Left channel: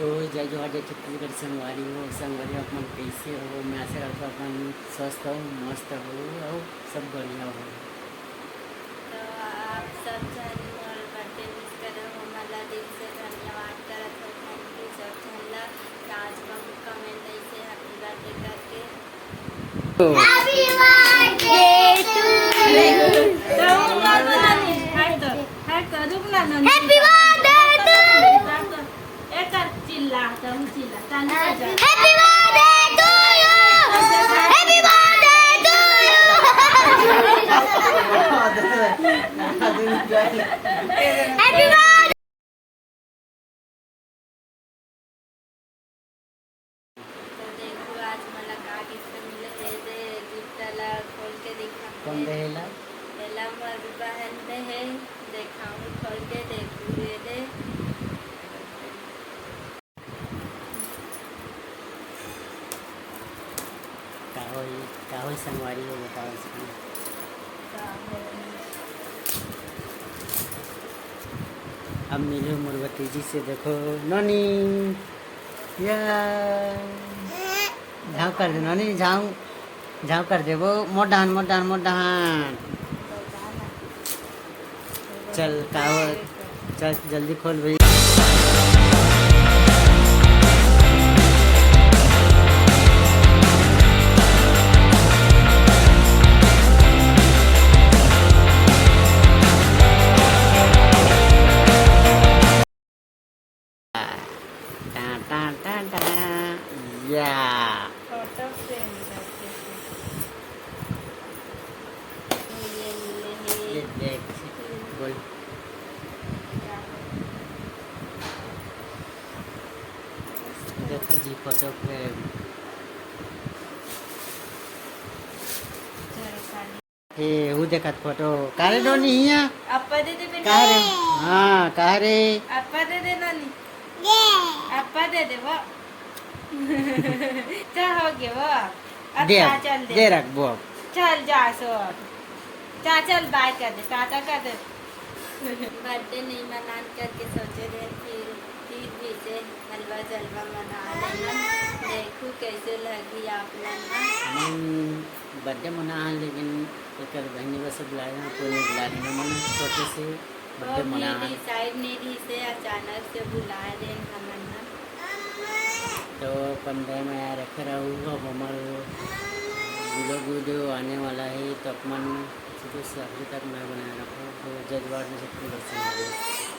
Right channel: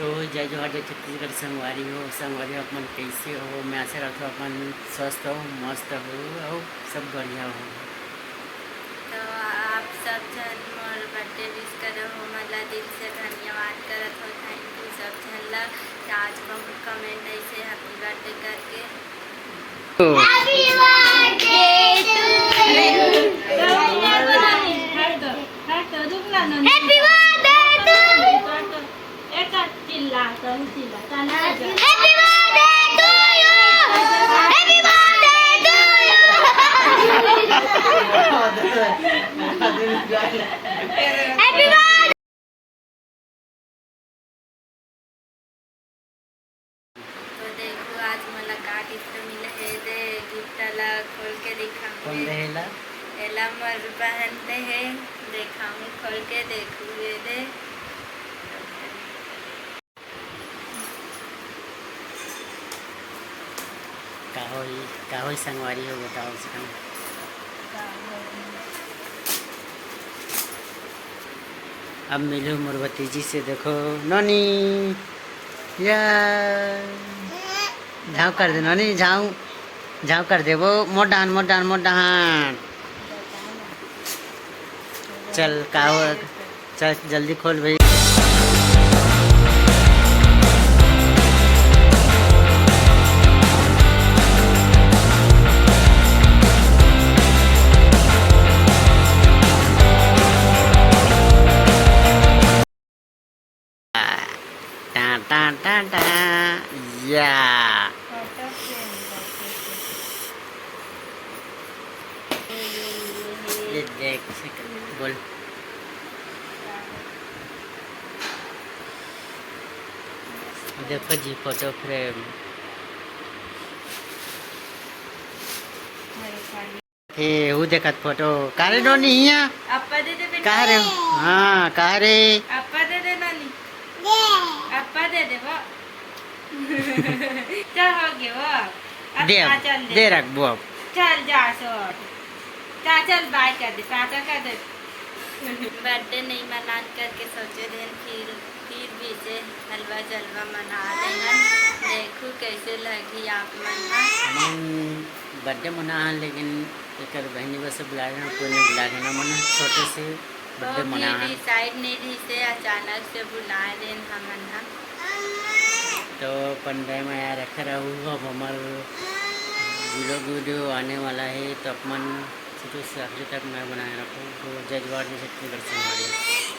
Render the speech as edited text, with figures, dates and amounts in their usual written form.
तो जय जोहार जय छत्तीसगढ़ संगवारी हो संगवारी अपन कैसे हो। मैं आशा करता हूँ अपन स्वस्थ हो मस्त हो और सब बढ़िया हो। तो आप सब जन मोर बर्थडे विश करो हो, मला दिल से धन्यवाद करत हो। थैंक यू सब जन ला कि आज बहुत कमेंट ऐसे हैप्पी बर्थडे करके। Happy birthday to you, happy birthday चिल्ला तुम चिल्ला happy birthday to you, happy birthday to you. तो देखो आज मला का गिफ्ट मिले है, दे गिफ्ट ला खोल के दिखाऊंगी। कौन रहेला? एला मोर बहन दे है, दिखाऊंगी खोल के देखू ये दे। का होई संगवारी हो बताओ उसका। अब मिलूँ मोर भतीजी से। देखो नोनी या झाँव कर दे नोनी, झाँव कर दे वो मोर डान। चल का हो, चल जल्दी खोल भाई। टा या ये देख बोल। देखो जी फोटो फ्रेम हे वो देखत फोटो कारे नोनी हिया अपा दे दे का रे। हाँ का रे अपा दे दे नानी, अपा दे दे वो। चल हो गया वो, अब दे चल दे रख वो अब। चल जा सो चल बाय कर दे, टाटा कर दे। बर्थडे नहीं मना करके सोचे थे फिर भी से हलवा जलवा मना लेना। देखो कैसे लगी आप मन। बर्थडे मना लेकिन एक बहनी बस बुला लेना, कोई नहीं बुला लेना मन छोटे से बर्थडे मना। डिसाइड नहीं थी से अचानक से बुला देन हमन हम। तो 15 में यार रखे रहूँ। अब हमार वीडियो आने वाला है तो अपन शुरू से आखिर तक मैं बनाए रखूँ। तो जय जोहार जय छत्तीसगढ़ से हमारे।